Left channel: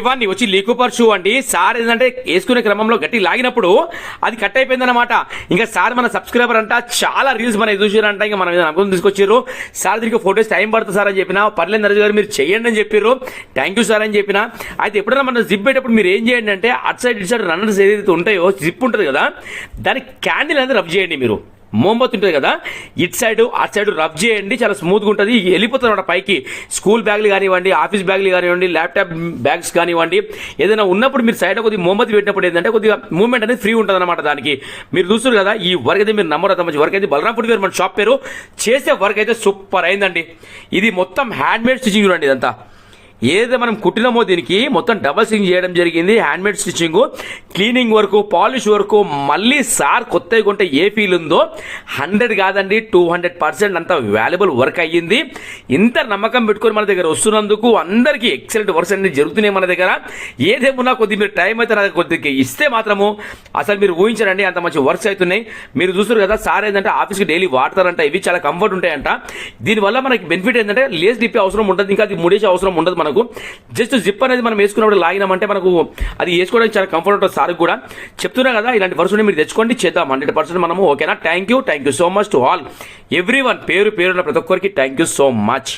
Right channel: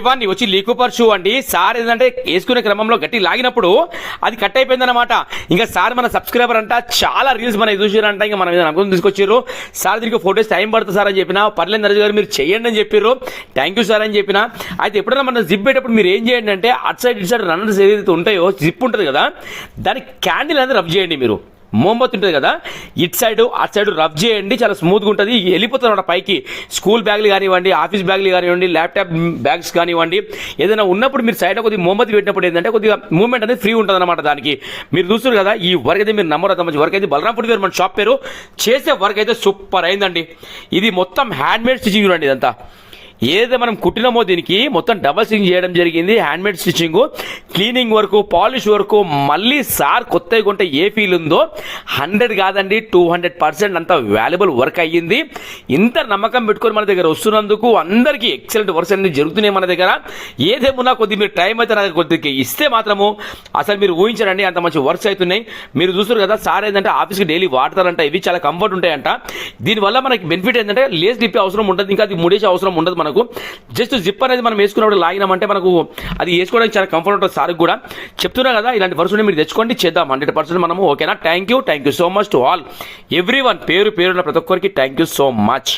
ఇవన్నీ వచ్చి లీకోపర్ షూ అండి. సార్ ఏంటంటే వేసుకునే క్రమంలో గట్టి లాగినప్పుడు అది కట్ అయిపోయింది అనమాట. ఇంకా సార్ మన సబ్స్క్రైబర్ అంట, చాలా రీల్స్ మన చూసారంట. ఇంకా మనం అనుకుని తీసుకొచ్చారు. సార్ దీనికి ఫోటోస్ టైం పడుతుంది సార్ అని చెప్పిన. పర్లేదు నరేష్ గారు మీరు చేయండి అని చెప్పారు. థ్యాంక్ యూ సార్ అని చెప్పిన. అయితే ఎప్పుడైనా మనం జిప్ పెట్టేటప్పుడు మీరు ఏం చేయండి అంటే అటు సైడ్ ఇటు సైడ్ రన్నర్స్ ఏదైతే ఉంటాయో జిప్ ఉంటుంది కదా, దానికి క్యాండిల్ అనేది రబ్ చేయండి. మీరు మోంబత్ ఉంటుంది కదా, ఇటు సైడ్ అటు సైడ్ రబ్ చేయండి, చాలా స్మూత్గా ఉంటుంది. వెళ్ళిపోతుంది అన్నమాట పైకి. స్కూల్ బ్యాగ్లు కానివ్వండి, ఆఫీస్ బ్యాగ్లు కానివ్వండి, ల్యాప్టాప్ బ్యాగ్స్ కానివ్వండి, ఏదైనా ఉన్నప్పుడు మీరు సైడ్ కొద్దిగా మోంబత్ పెట్టినప్పుడు ఏంటంటే కొద్దిగా మూవ్మెంట్ అనేది ఫ్రీ ఉంటుంది అనమాట. దానికి మీరు చూస్తారు కదా, ఈ వర్క్ అయితే మీరు నమ్మరు, మంచి వర్క్ అయితే. బలరాం ఫుడ్ వేర్ మన షాప్ పేరు. చేసే వర్క్ అయితే సూపర్ అయిందండి. ఇది మొత్తం హ్యాండ్ మేడ్ స్టిచింగ్ చూడండి. ఇదంతా ఏదైతే మనం కుట్టినామో దీనికి మొత్తం డబల్ స్టిచింగ్ చేయడం జరిగింది. Hand made stitching, cleaning work, polish work. మళ్ళీ సార్ కొత్తగా కొంటే ఏ ఫీల్ ఉందో 100 కాదండి 200% అంత వాల్యుబుల్ వర్క్ అయ్యింది. ఇంత నమ్మకం పెట్టుకొని మన దగ్గర వస్తున్నందుకు అందరికీ ఎక్సలెంట్ వర్క్స్ అన్ని జరుగుతున్నాయి మన దగ్గర. ఏదేమున్నా కొద్దిగా మీరు టైం అయితే నాకు కొద్దిగా ఇస్తే మాత్రము అసలు మీరు ఊహించరండి అంత మంచి వర్క్స్ అవుతున్నాయి. మీరు చూస్తారు కదా, సార్ ఏంటంటే ఆఫీస్కి డైలీ వాడతారంట. ఇవి చాలా కంఫర్ట్ ఉంటాయంట. దీనివల్ల మనకి బెనిఫిట్ ఏంటంటే లేస్ డిప్పే అవసరం ఉంటుంది, ఇంకా అది ముడేసే అవసరం ఉండదు. మనకు జస్ట్ జిప్ అనేది మనం వేసుకున్నప్పుడు లాగినామంటే మనకు అది వేసుకోవడానికి చాలా కంఫర్ట్ ఉంటుంది. సార్ కూడా చెప్తున్నా కదా, ఇలాంటి వర్క్స్ మీరు తెచ్చుకోండి, చేద్దాం 100% మనము. ఓకేనా? Thank you so much to all every one. పేరు పేరున్న ప్రతి ఒక్కరికి థ్యాంక్ యూ సో మచ్.